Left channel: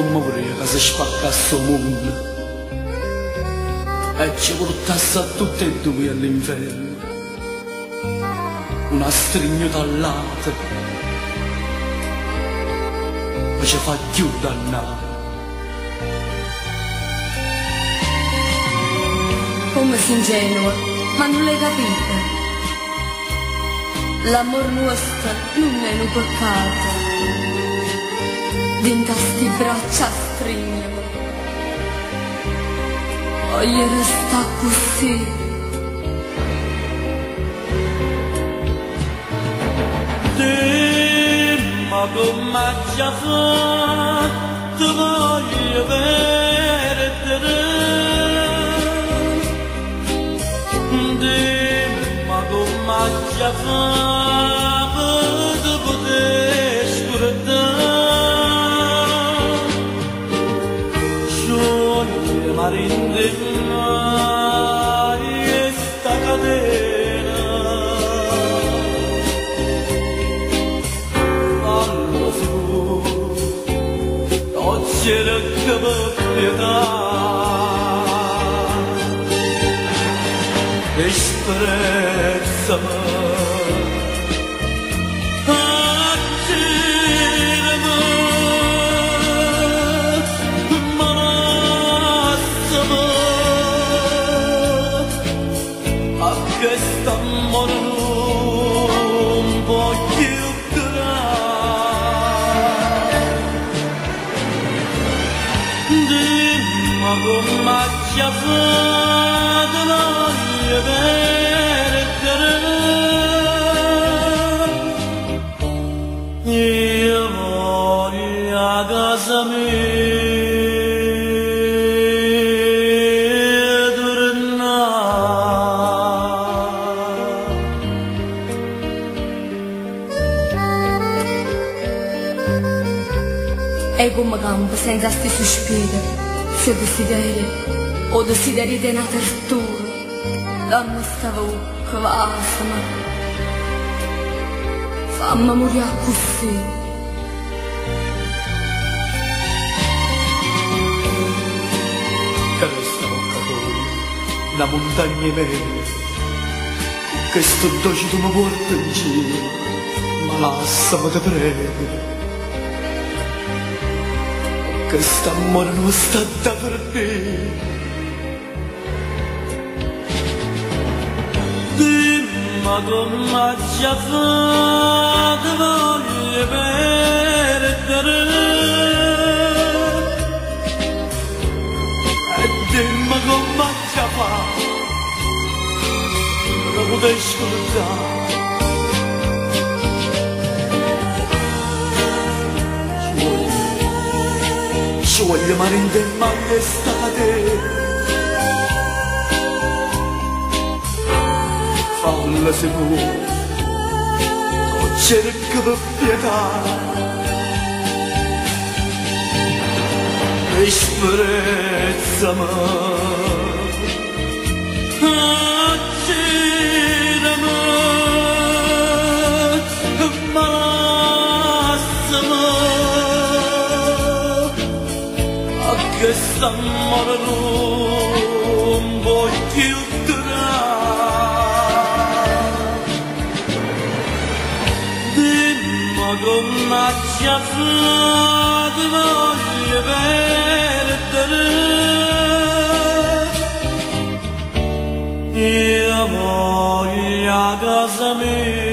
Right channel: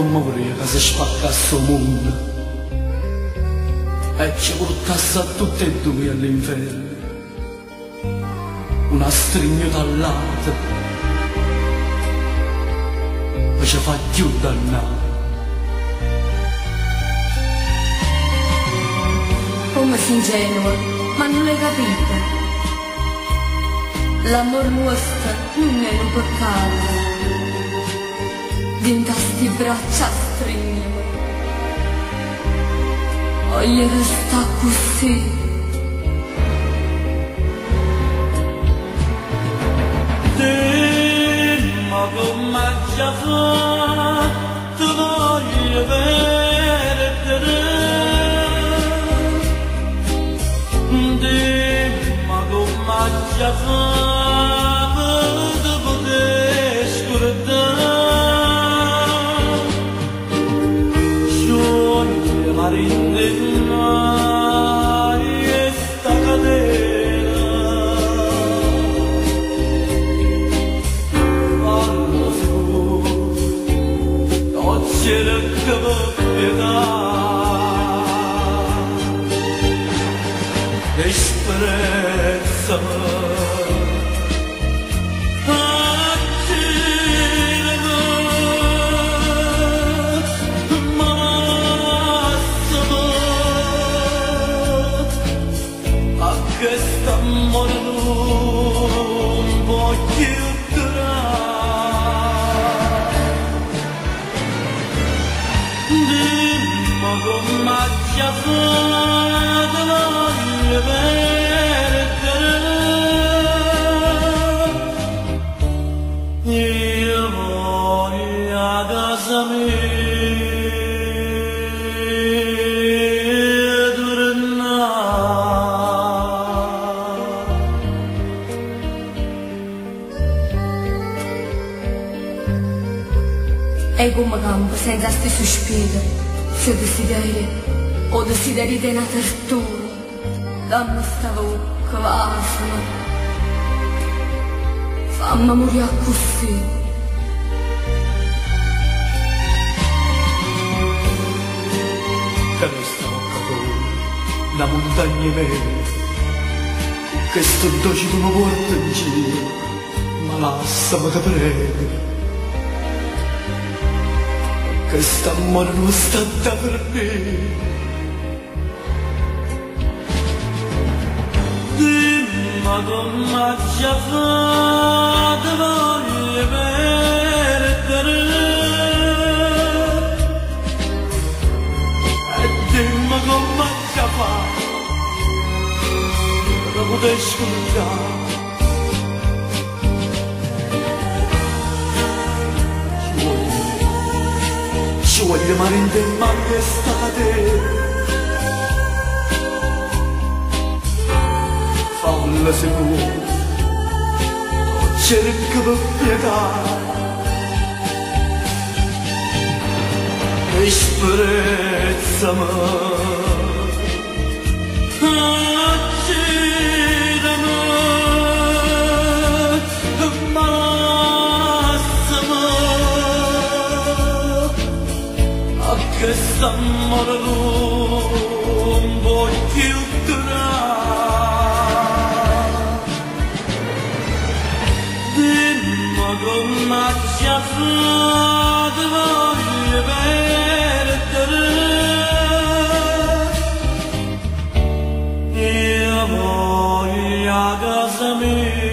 morire che si spaccasse il mondo e ci portasse a tutte e due all'inferno, una strignuta all'altra che ci fa più dannare. Come sei ingenua, ma non l'hai capita. L'amor nostro non è un peccato, dinta sti braccia stringiamo, voglio resta così. Ma come già fatto voglio perdere, ma come già fatto poter scordare, scioglie marinde mai sta catena, fallo sicuro, non c'era che pietà. Disprezzami, accirami, malassami, a questo amore non voglio curare. Dimmi come già fatto voglio perdere, io voglio a casa mia tornare. E come campo senza sti sospiri, se desideri o desideri di una tortura, dammi sta bocca, vasama, fammi morire così. Che resta bocca tua, una montagna vera, che sto dolce tu mi porti in giro, ma lassami ti prego. Questo amore non sta da perdere. Dimmi come già fatto voglio perdere, e dimmi come già fatto da poter scordare. Ci voglio marinde ma l'estate, fallo sicuro, non cerco per pietà, disprezzami, accirami, malassami, questo amore non voglio durare. Dimmi come già fatto voglio perdere, io voglio a casa mia.